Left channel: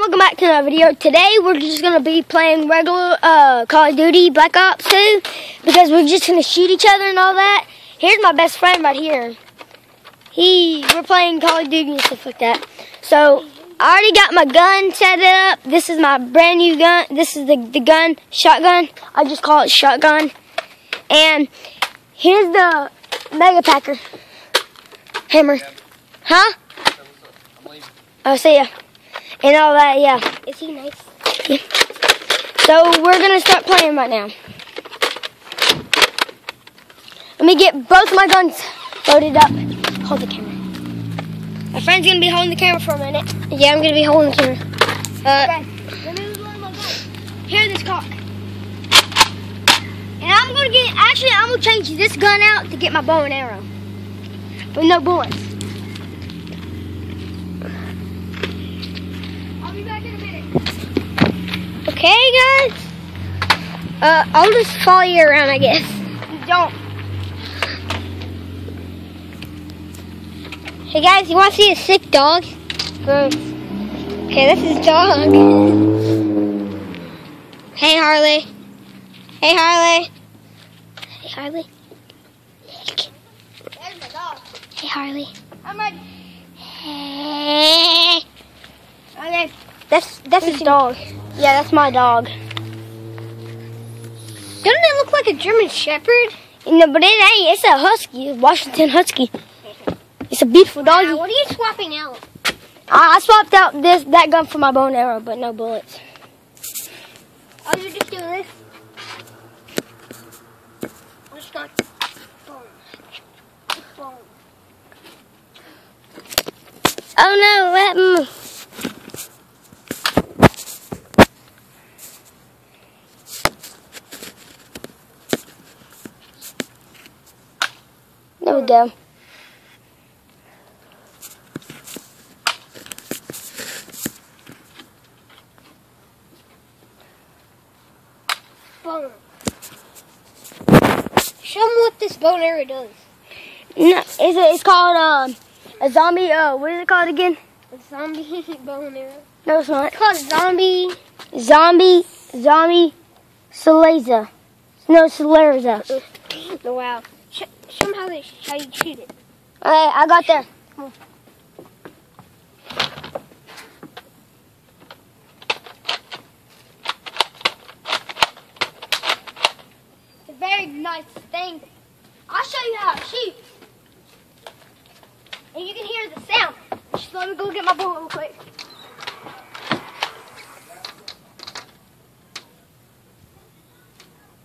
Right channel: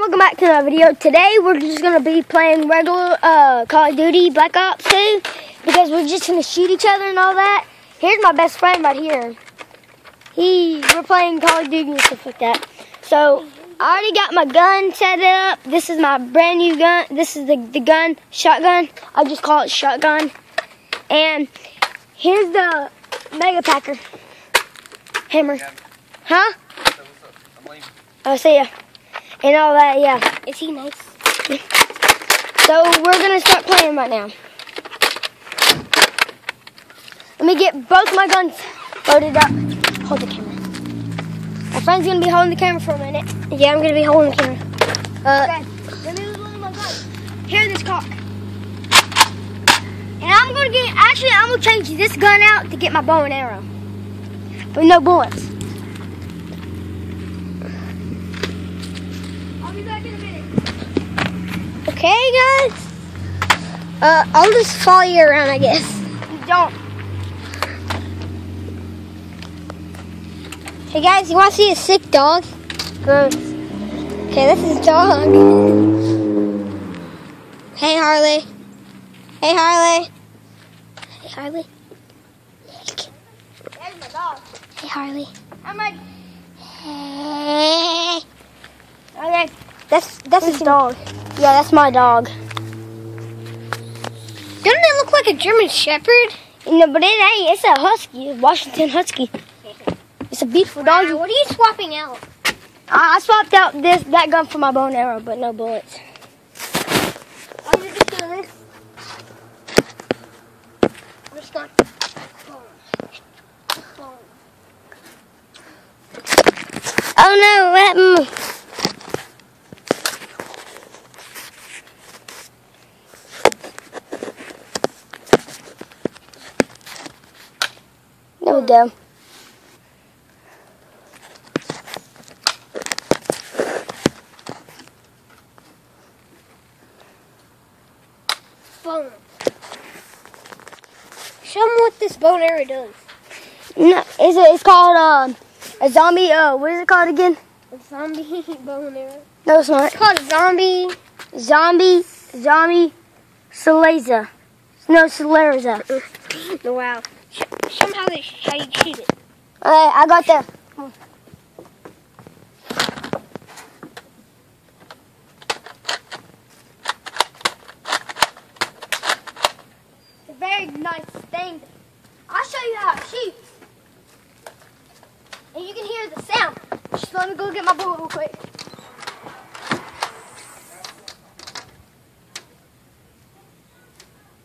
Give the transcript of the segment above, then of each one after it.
welcome back to another video. Today we're just going to be playing regular Call of Duty Black Ops 2 because we're just going to shoot each other and all that. Here's my best friend right here. We're playing Call of Duty and stuff like that. So I already got my gun set up. This is my brand new gun. This is the gun, shotgun. I just call it shotgun. And here's the Mega Packer hammer. Huh? Oh, see ya. And all that, yeah. Is he nice? So we're gonna start playing right now. Let me get both my guns loaded up. Hold the camera. My friend's gonna be holding the camera for a minute. Yeah, I'm gonna be holding the camera. Okay. Let me load my gun. Here, this cock. And I'm gonna change this gun out to get my bow and arrow. With no bullets. I'll be back in a minute. Okay, guys. I'll just follow you around, I guess. Don't. Hey, guys, you want to see a sick dog? Gross. Okay, this is dog. Hey, Harley. Hey, Harley. Hey, Harley. There's my dog. Hey, Harley. I'm ready. Hey. Okay. That's his dog. Yeah, that's my dog. Doesn't it look like a German Shepherd? No, but it ain't. It's a husky. A Washington Husky. It's a beautiful dog. What are you swapping out? I swapped out that gun for my bow and arrow, but no bullets. Oh, you're just doing this? I'm just going. Oh no, what happened? There we go. Boom. Show them what this bow and arrow does. No, it's called a zombie. What is it called again? A zombie bow and arrow. No, it's not. It's called zombie. Zombie Saleza. No, Saleza. Wow. Show them how you shoot it. All right, I got there. It's a very nice thing. I'll show you how it shoots. And you can hear the sound. Just let me go get my bullet real quick.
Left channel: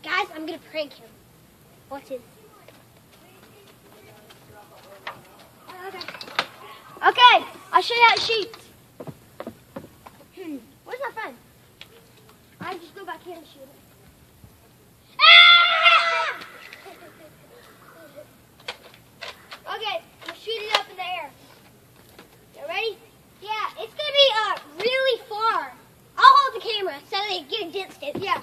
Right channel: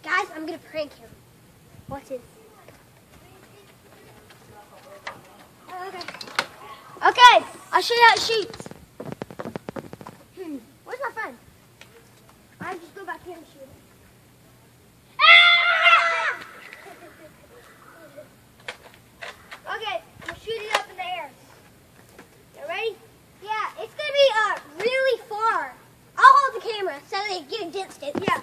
Guys, I'm going to prank him. Watch this. Okay, I'll show you how it shoots. Where's my friend? I just go back here and shoot it. Ah! Okay, I'm gonna shoot it up in the air. You ready? Yeah, it's going to be really far. I'll hold the camera so they get against it. Yeah.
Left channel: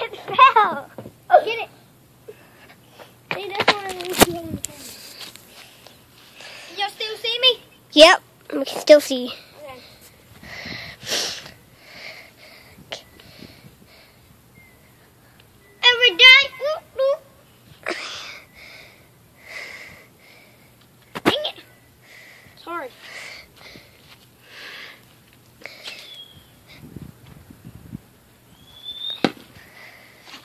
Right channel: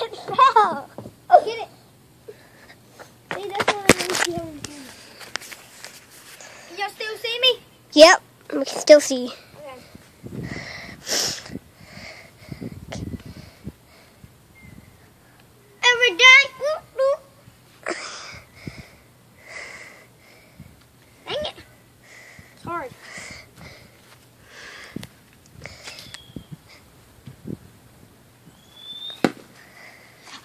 It fell. Get it. See, that's what I'm really shooting. Y'all still see me? Yep, we can still see. Okay. Every day. Whoop, whoop. Dang it. It's hard.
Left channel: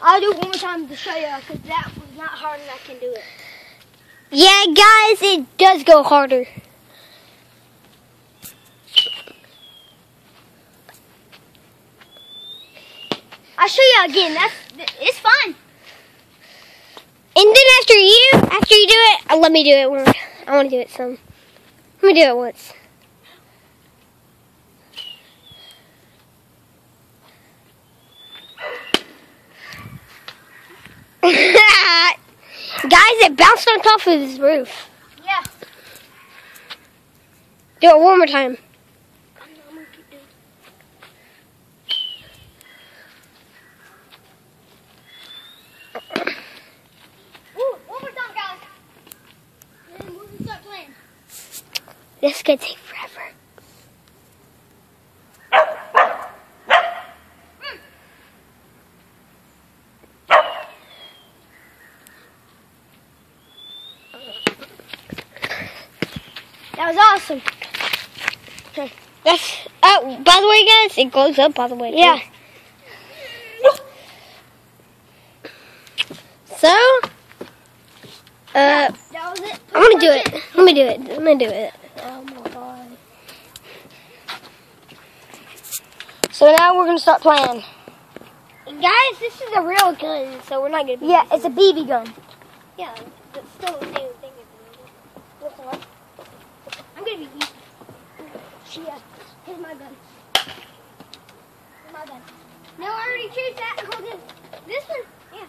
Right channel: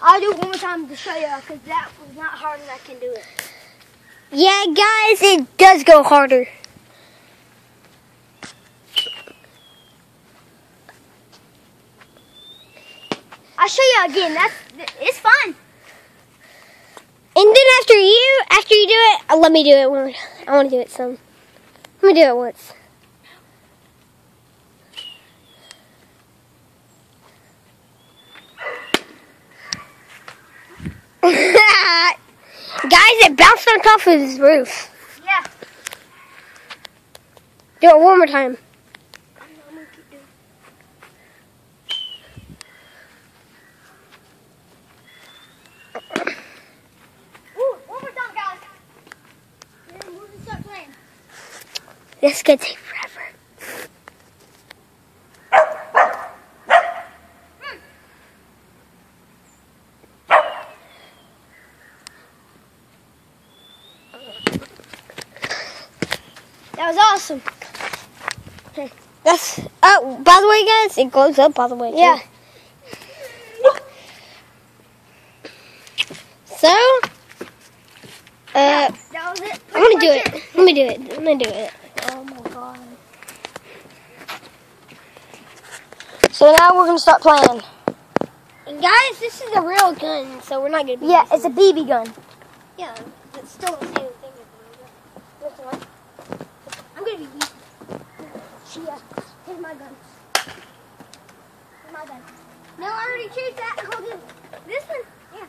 I'll do it one more time to show you because that was not hard and I can do it. Yeah, guys, it does go harder. I'll show you again. It's fun. And then after you do it, let me do it. I want to do it some. Let me do it once. Guys, it bounced on top of his roof. Yeah. Do it one more time. I'm gonna keep doing it. Ooh, one more time, guys. And then we're gonna start playing. This is gonna take forever. That was awesome. That's, oh, by the way, guys, it glows up, by the way, too. Yeah. So, That was it. I'm gonna do it. Let me do it. I'm gonna do it. Oh my god. So now we're gonna start playing. And guys, this is a real gun, so we're not gonna be Yeah, using it's a BB gun. Yeah, but still the same thing. Listen up. I'm gonna be using. Yeah. Here's my gun. Here's my gun. No, I already chose that. Hold it. This one. Yeah,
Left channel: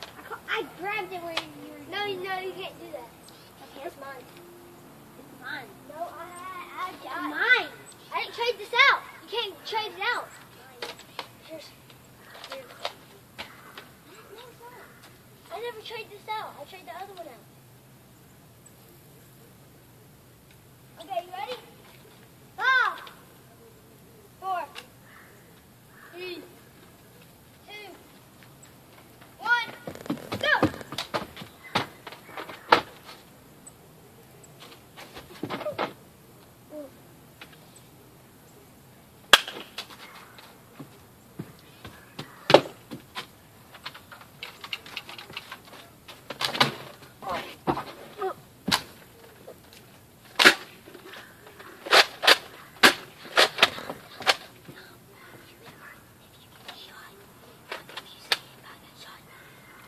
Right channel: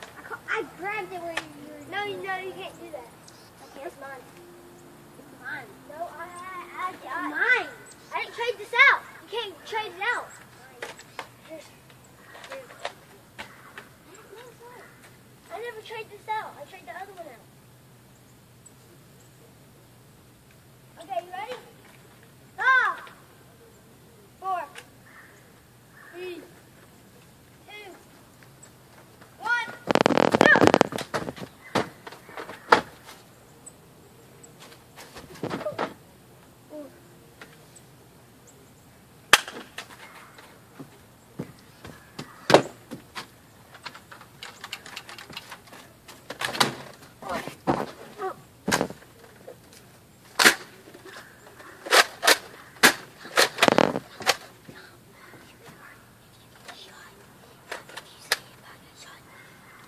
I grabbed it where you were. No, you can't do that. Okay, it's mine. It's mine. No, I Mine. I didn't trade this out. You can't trade it out. Here's. No, it's not. I never trade this out. I trade the other one out. Okay, you ready? 5, 4, 3, 2, 1, go!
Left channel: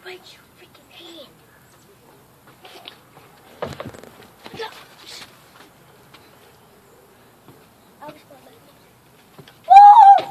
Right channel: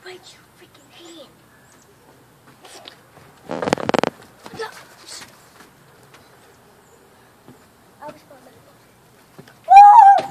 Break your freaking hand. I'll just go back. Woo!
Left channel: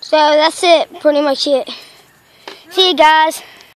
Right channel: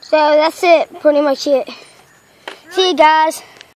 So that's it, pretty much it. See you guys.